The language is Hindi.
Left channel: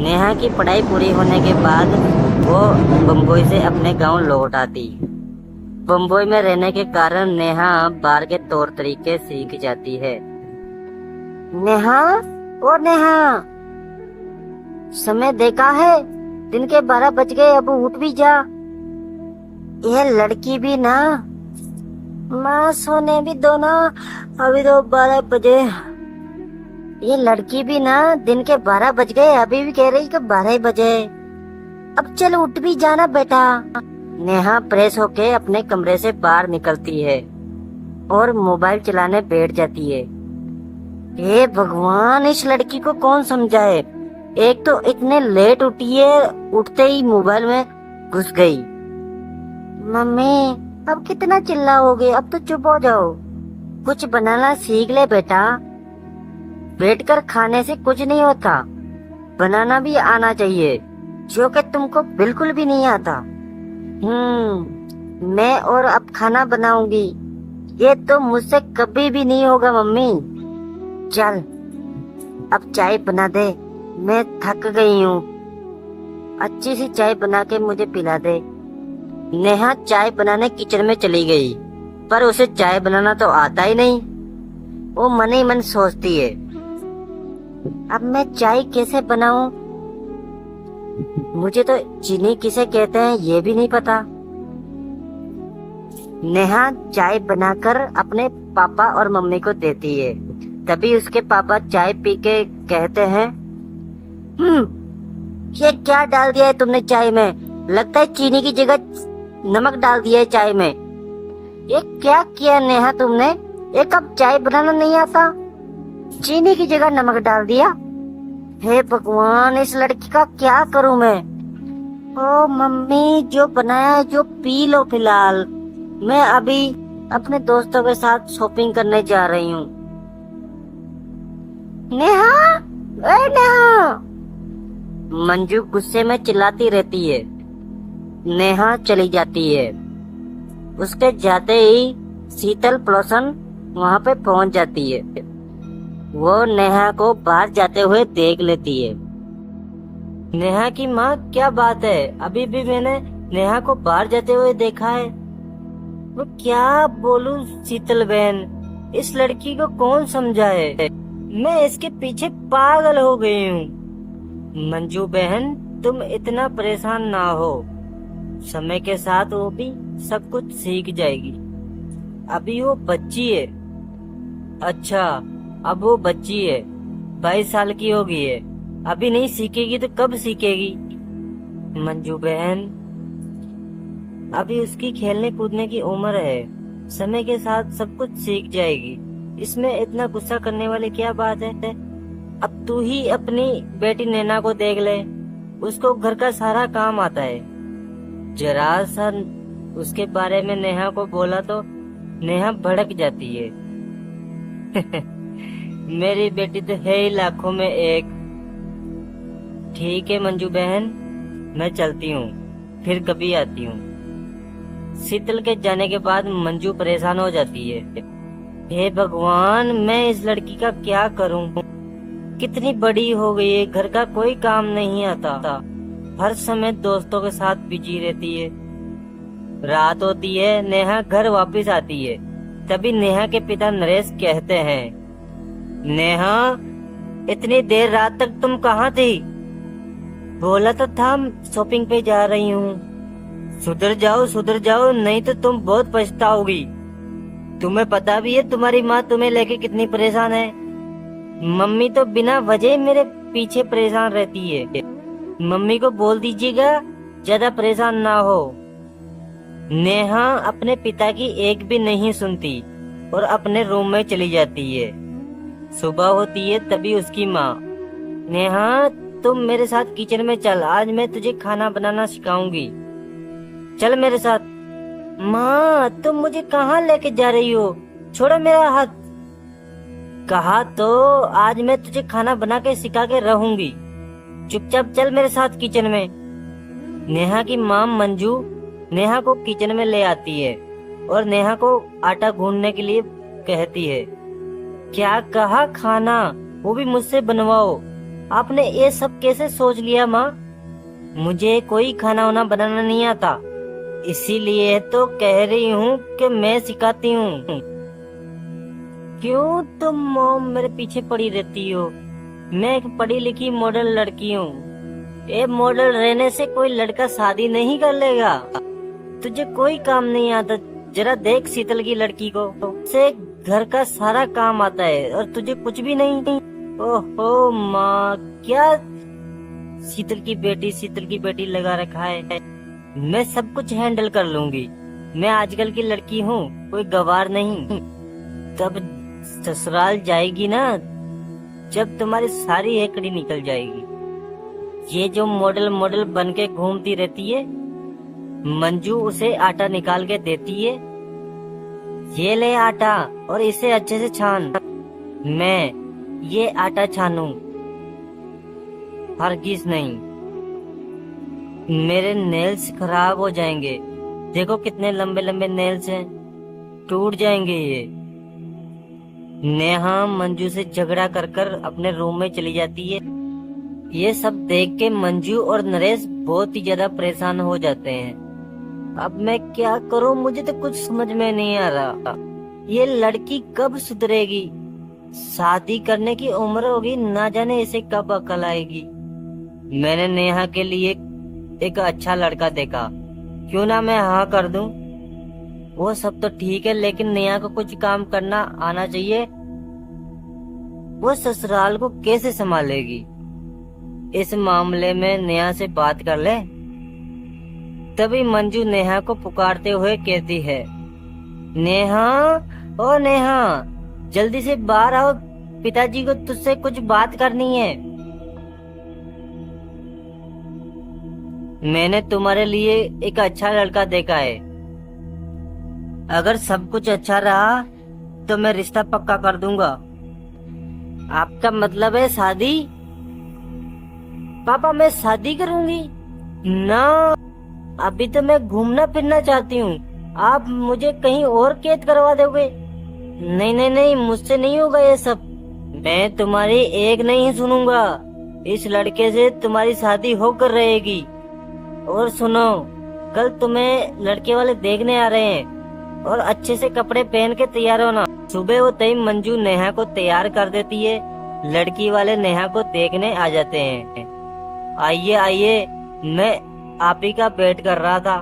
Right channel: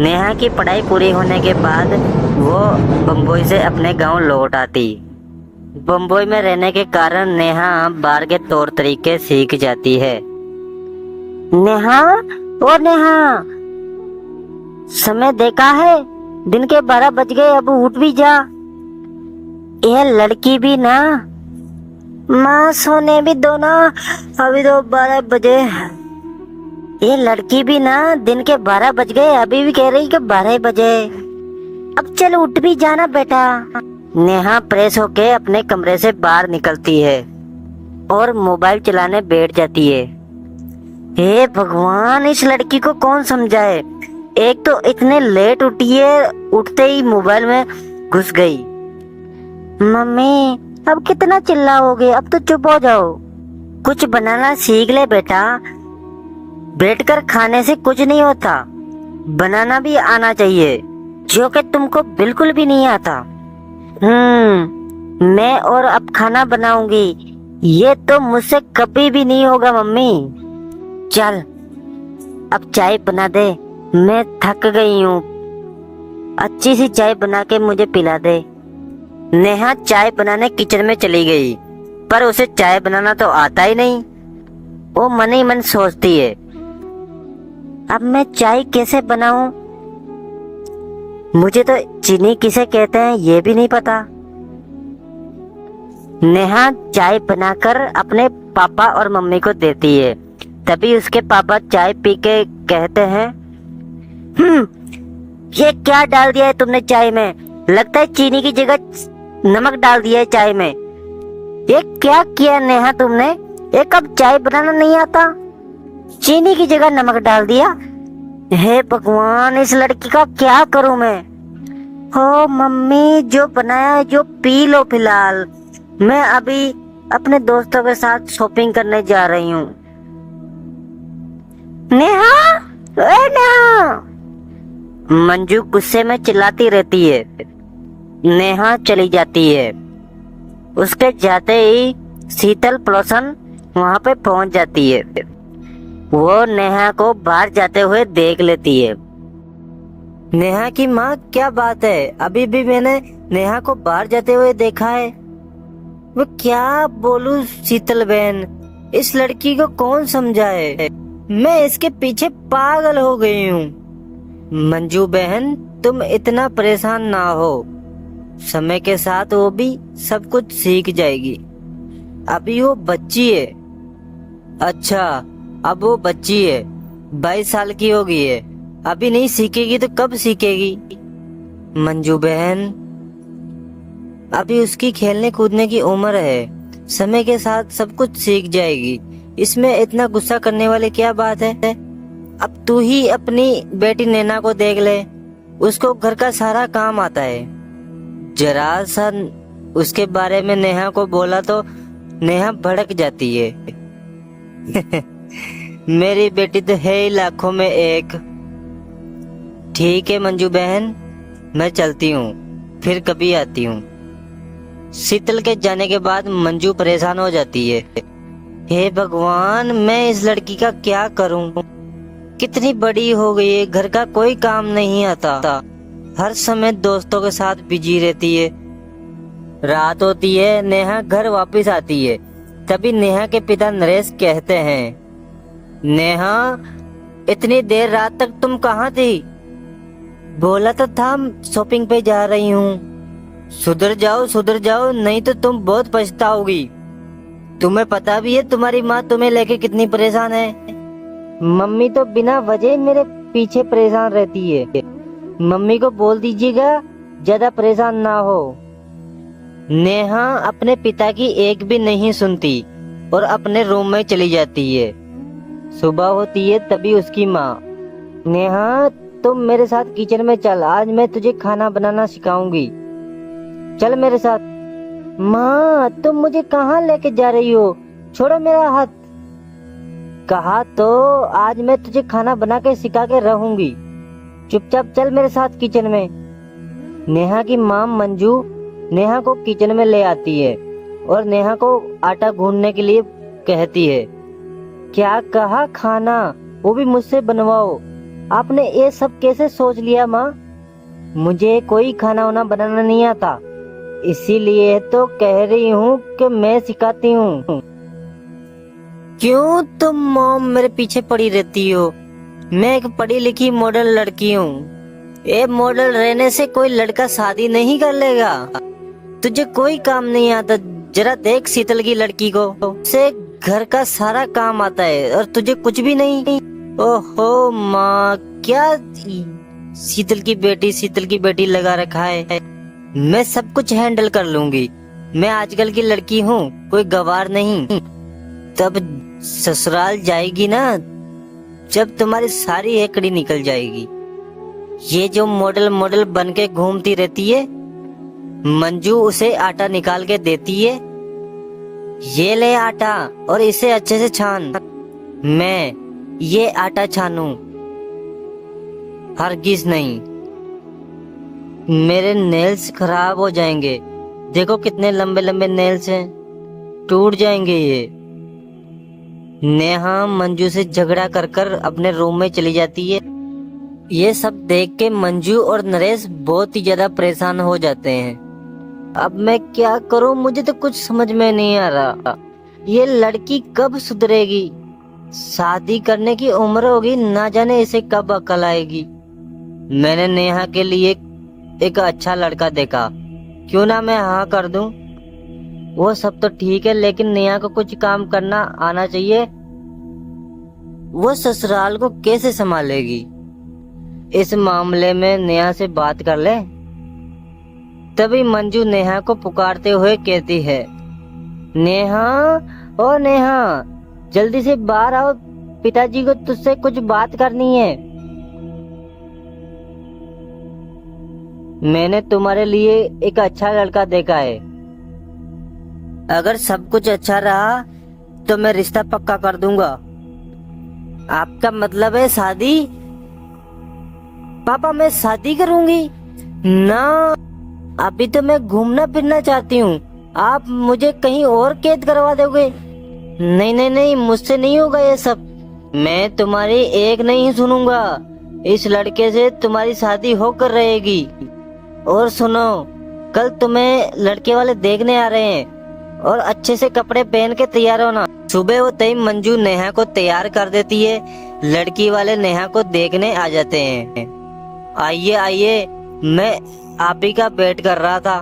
नेहा की पढ़ाई पूरी होने के बाद वो बम्बई से अपने गांव लौट आती। बम्बई में रहने के कारण नेहा बाहर के तौर तरीके सीख जाती है। नेहा, ओ नेहा, समय देखा है? दिन के 12 बज गए, अब उठ भी जा। यह लड़की भी ना, माँ सोने भी दो ना, अभी तो 12 बजे। ये लड़की भी ना, दिन के 12 बज गए, अभी भी कह रही कि 12 बजे। अब चल उठ भी जाना बेटा। नेहा फ्रेश होके अपने कमरे से बाहर निकलती है और मोबाइल चलाने बैठ जाती है। हे भगवान, इस लड़की को कौन समझाए। एक तो इतने लेट उठी है, उठते ही मोबाइल में घुस गई। मम्मी, अब कितना चिल्लाओगे, अब तो चुप हो जाओ। कुछ बनाना सीख ले बेटा, बैठकर खाने से कुछ नहीं होता, बनाना भी आना चाहिए, जो कि तुमको बिल्कुल भी नहीं आता। मैं और अब खाना बनाऊंगी, ये तो मुझसे कभी भी नहीं होगा मम्मी। चल अब चाय बना दे, मैं थक गई हूँ, अच्छी सी चाय बना के मुझे पिला दे। नेहा चाय बनाने किचन में चली गई, पर उसे चाय बनाना तो आता ही नहीं। वो मन ही मन सोचती है, अब मैं चाय कैसे बनाऊं? मुझे तो चीनी किसे कहते हैं ये भी नहीं पता। नेहा चाय बनाकर अपने पापा और मम्मी को देती है। तभी उसके पापा चाय पी के कहते हैं, ये क्या डाल दिया है तुमने चाय में? लगता है चीनी की जगह नमक डाल दिया है चाय में। ये क्या किया नेहा तुमने? एक कप चाय बनाना नहीं आता, चीनी की जगह नमक डाल दिया। हे भगवान, इस लड़की का क्या करूं मैं? हो मम्मी, जो बनाया है जो पी लो फिलहाल, मैं अभी अपने दोस्तों के साथ शॉपिंग करने जा रही हूँ। नेहा, ए नेहा, मंजू गुस्से में चिल्लाती रहती है। नेहा चली जाती है। उसके जाते ही शीतल पड़ोसन वहाँ पे पहुँच जाती है। वो नेहा को बाहर जाते हुए देख लेती है। नेहा की माँ, क्या बात है, अभी भी मैंने नेहा को बाहर जाते हुए देखा है। वो क्या बोलूं शीतल बहन, इस लड़की को कौन समझाए, मैं इसके पीछे पागल हो गई हूँ। मंजू बहन, तुम इतना परेशान ना हो, समय के साथ वो भी सब कुछ सीख जाएगी, अभी वो बच्ची है। अच्छा, अब वो बच्ची है, 22 साल की हो गई है, अभी नहीं सीखेगी तो कब सीखेगी? मंजू बहन, अभी उसकी खेलने कूदने की उम्र है, समय के साथ सब कुछ सीख जाएगी, इसमें इतना गुस्सा करने वाली क्या बात है? अब तू ही अपनी बेटी नैना को देख ले, उसको घर का सारा काम आता है। जरा सा उसके बारे में नेहा को बोला तो नेहा भड़क जाती है। मेरी बेटी तो है ही लाखों में एक। ठीक है मंजू बहन, मैं चलती हूँ, फिर कभी आती हूँ। शीतल के जाने के बाद मंजू परेशान हो जाती है। हे भगवान, मैं इस लड़की का क्या करूँ? कितनी बड़ी हो गई है, घर का कोई काम नहीं आता, हर समय दोस्तों के साथ बिजी रहती है। रात होती है, नेहा घर वापस आती है। तभी नेहा के पिता नरेश कहते हैं, नेहा, इतनी देर रात तक तुम कहाँ थी? बोला तो था शॉपिंग पे जा रही हूँ। सुधर जाओ, नहीं तो तुम बहुत पछताओगी। तुम्हें पता भी है तुम्हारी माँ तुम्हें लेके कितनी परेशान है। मम्मी तो बिना वजह मेरे पीछे परेशान रहती है। मम्मी को बोल दीजिएगा ज्यादा परेशान ना हो। नेहा अपने पिता की एक भी नहीं सुनती और अपने रूम में चली जाती है। सुबह होती है, तभी उसकी माँ, नेहा तुम मेरे साथ किचन में चल, आज मैं तुझे खाना बनाना सिखाऊंगी, चल मेरे साथ। माँ, तुम मुझे कहाँ लेके जा रही हो, छोड़ो मेरा हाथ। कहा तो आज मैं तुझे खाना बना के सिखा के रहूंगी, चुपचाप चल मेरे साथ किचन में। नेहा की माँ मंजू नेहा को किचन में ले आती है और नेहा को आटा गूंदने के लिए कहती है। क्या कहा? खाना, वो भी मुझसे बनवाओ। आपने ये सब कैसे सोच लिया माँ? मुझे कोई खाना वाना बनाना नहीं आता, इसीलिए तो कह रही हूँ कि मैं सिखाती हूँ। क्यों तुम मॉम मेरे पीछे पड़ी रहती हो? मैं एक पढ़ी लिखी मॉडल लड़की हूँ। ये मॉडल रहने से कोई लड़का शादी नहीं कर लेगा। तुझे कोई काम नहीं आता। जरा देख शीतल की लड़की को, उसे घर का सारा काम आता है और तुझे कुछ भी नहीं। ओहो माँ, क्या शीतल की बेटी लगा रखा है। मैं सब कुछ हैंडल कर लूंगी। मैं आजकल की लड़की हूँ, कोई गवार नहीं। तब ससुराल जाएगी ना, जब तुम्हारी सारी हेकड़ी निकल जाएगी। ये जो मॉडल बन के घूमती रहती है, मंजू उसे आटा निकाल के देती है। ये ले आटा और इसे अच्छे से छान। मैं ये आटा छानूं? हरगिज नहीं। मेरे नेल्स खराब हो जाएंगे। देखो कितने लंबे लंबे नेल्स हैं, टूट जाएंगे ये। नेहा मंजू से झगड़ा कर कर अपने रूम में चली जाती है। ये सब देख के मंजू और नरेश बहुत ही ज्यादा परेशान हो जाते हैं। अब मैं क्या करूं, मुझे तो कुछ समझ में नहीं आ रहा। ये लड़की कब सुधरेगी? शादी करने की उम्र होगी, ना जाने इसे कब अकल आएगी। मैंने नेहा के लिए एक अच्छा लड़का देखा, क्यों ना मैं हाँ कर दूं। वो सब तो ठीक है, लेकिन नेहा को कुछ काम करना आना चाहिए। वो ससुराल को कैसे संभालेगी? इस मामले में नेहा से बात कर ले। तभी मंजू नेहा को पुकारते हुए कहती है, नेहा, ओ नेहा, जल्दी से बाहर आओ, पिताजी को तुझसे कुछ बात करनी है। मैंने तुम्हारे लिए एक अच्छा लड़का देखा है। अगर सब कुछ अच्छा रहा तो मैं रिश्ता पक्का कर दूंगा। आपका मतलब है शादी? पापा, मैं शादी करूंगी ना। अभी तो मैं घूमना फिरना चाहती हूँ। आप मुझे कहीं और कैद करवा दोगे? नहीं नहीं नहीं, मुझसे नहीं होगा ये सब। मैं तुम्हारी एक नहीं सुनूंगा। इस लड़के से तुम्हारी शादी होकर रहेगी। और सुनो, कल तुम्हें लड़के वाले देखने आ रहे हैं और अच्छे से कपड़े पहन के तैयार होना। सुबह होते ही मंजू नेहा को तैयार कर देती है। लड़की वाले नेहा को देखने आ जाते हैं। आइए आइए, मैं आप ही का वेट कर रहा था।